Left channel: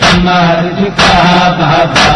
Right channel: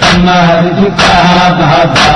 کمر جھکا بابا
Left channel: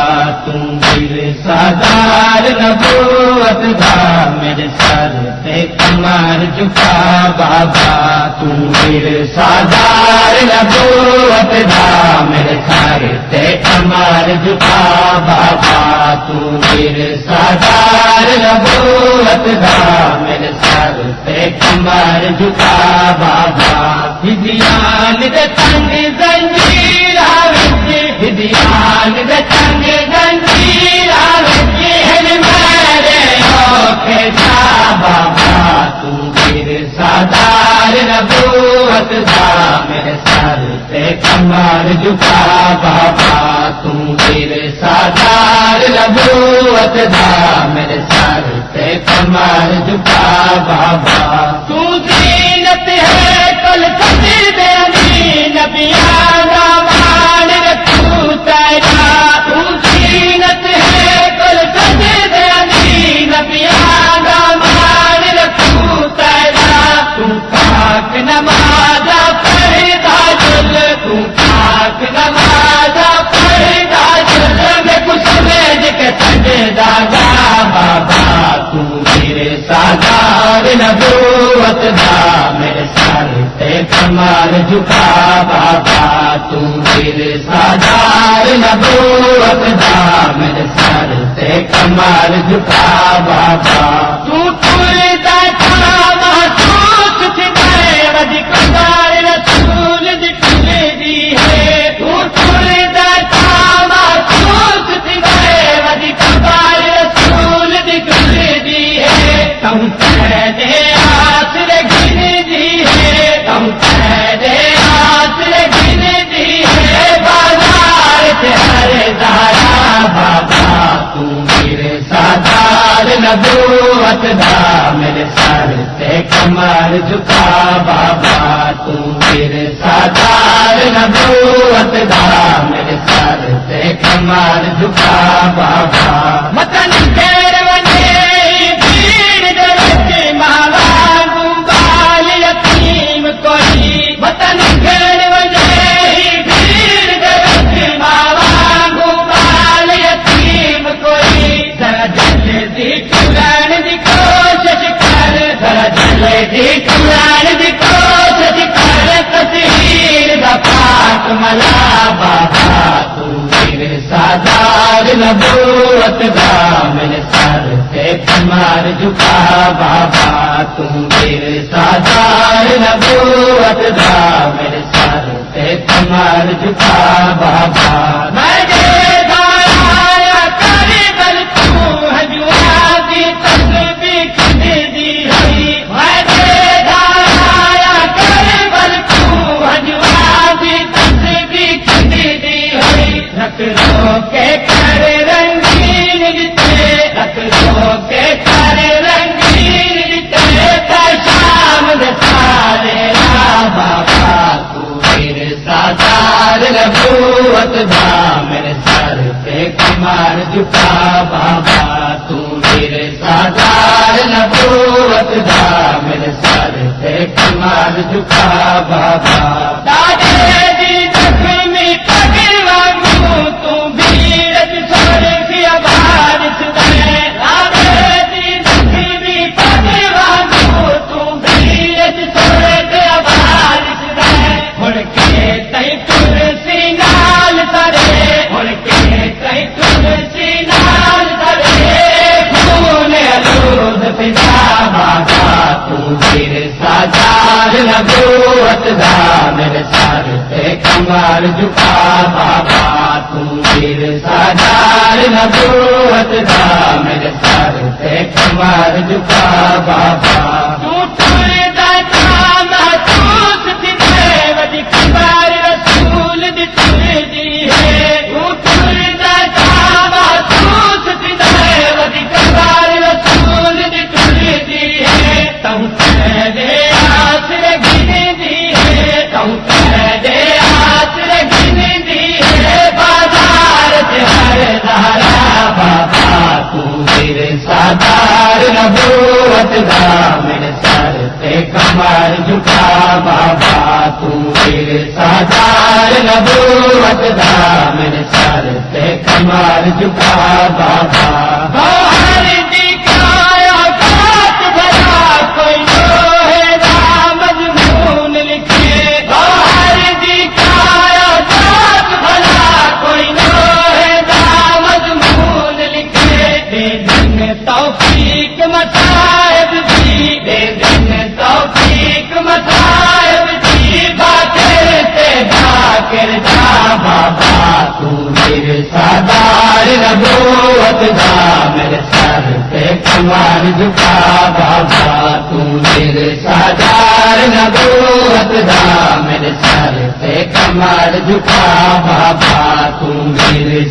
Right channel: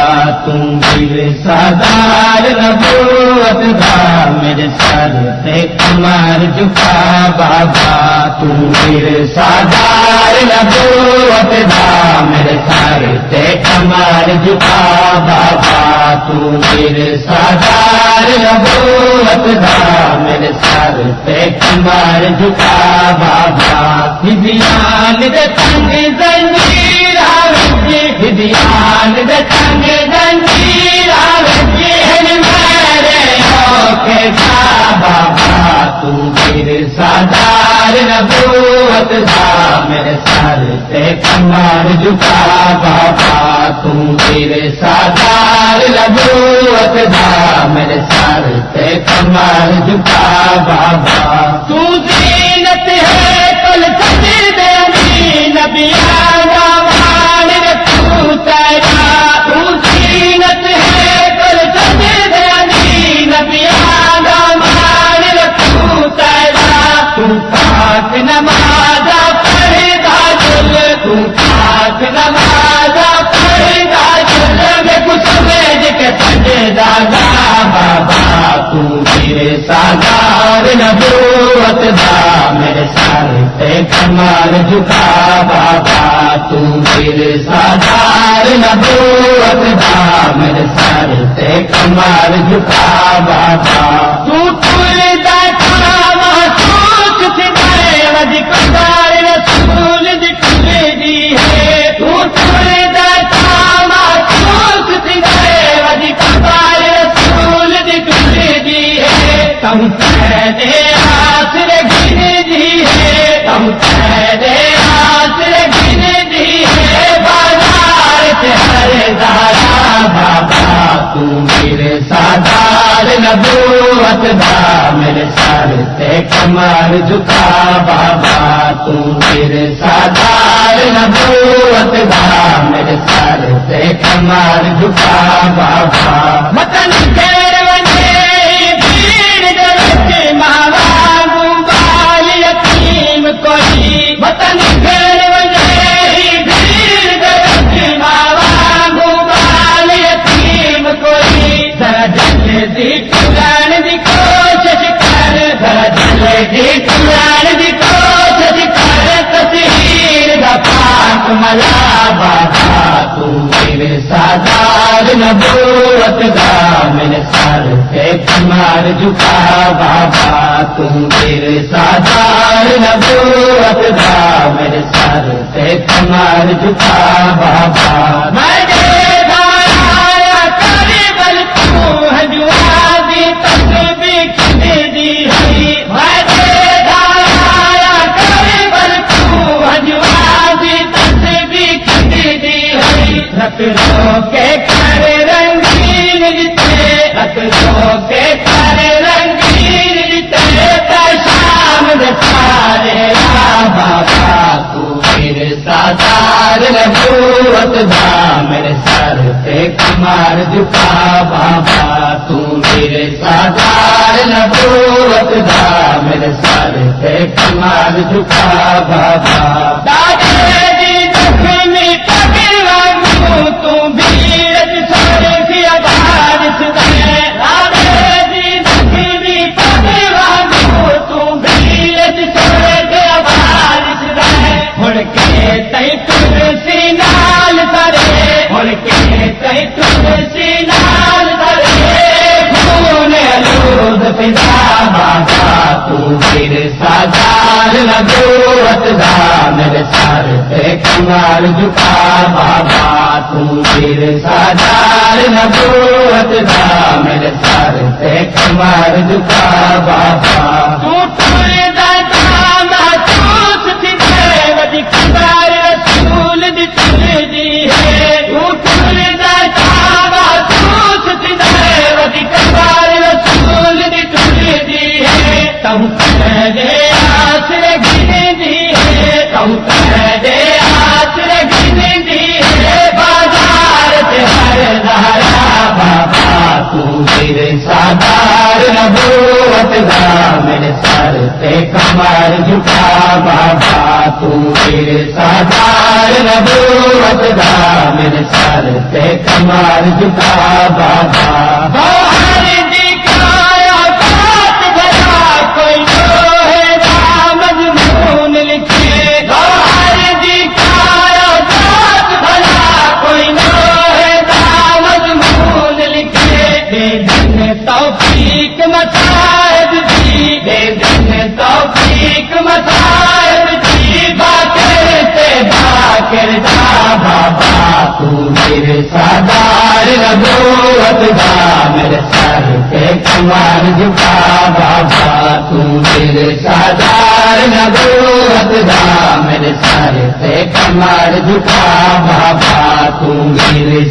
تم پھر سردار نبوت کا میرے سر پہ کمر جھکا بابا تم پھر سردار نبوت کا میرے سر پہ کمر جھکا بابا تم پھر سردار نبوت کا میرے سر پہ کمر جھکا بابا ہدیان دے تنگ زنجیر آوجی ہدیان دے تنگ زنجیر آوجی میرے کے جا بابا تم پھر سردار نبوت کا میرے سر پہ کمر جھکا بابا تم پھر سردار نبوت کا میرے سر پہ کمر جھکا بابا تو زینت ہے کل سجد علی نبی آدم تو تیرا تو زینت ہے کل سجد علی نبی آدم تو تیرا تم پاک نماز پڑھتا چل تم پاک نماز پڑھتا چل میں کچھ سمجھ کے سجدہ جا بابا تم میرے سردار نبوت کا میرے سر پہ کمر جھکا بابا تم میرے سردار نبوت کا میرے سر پہ کمر جھکا بابا تو کھلتا کام سوچ سکھائے مجھ کمر رسول دکھ دی ہے تو کھلتا کام سوچ سکھائے مجھ کمر رسول دکھ دی ہے تم کہتے آسر گر دی ہے تم کہتے آسر گر دی ہے بازار چہرے دارا بابا تم میرے سردار نبوت کا میرے سر پہ کمر جھکا بابا تم میرے سردار نبوت کا میرے سر پہ کمر جھکا بابا وطن خیر بنے کوئی وطن خیر بجائے بھیڑ درخت ماوا گوبال یتیم کوئی ذرا جلدی ٹھکان دی کوشش کر ذرا جلدی ٹھکان دی کوشش کر تصویر دا پاک ملا بابا تم میرے سردار نبوت کا میرے سر پہ کمر جھکا بابا تم میرے سردار نبوت کا میرے سر پہ کمر جھکا بابا میرے دایا کربل تو ہجوادی تسبیح دی ہے میرے دایا کربل تو ہجوادی تسبیح دی ہے لکھنؤ کے گھر رنگین جتے لکھنؤ کے گھر رنگین جتے شام دے سارے بابا تو میرے سردار نبوت کا میرے سر پہ کمر جھکا بابا تم میرے سردار نبوت کا میرے سر پہ کمر جھکا بابا دادے دی زخمی پگر وانگو تم بیرت چھوڑ کی آواز سنے دادے دی زخمی پگر وانگو تم بیرت چھوڑ کی آواز سنے مڑ کے تئی کرسی نال درے مڑ کے تئی کرسی نال درے بھولے لود پنجا بابا تم میرے سردار نبوت کا میرے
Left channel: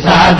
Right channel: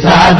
سعد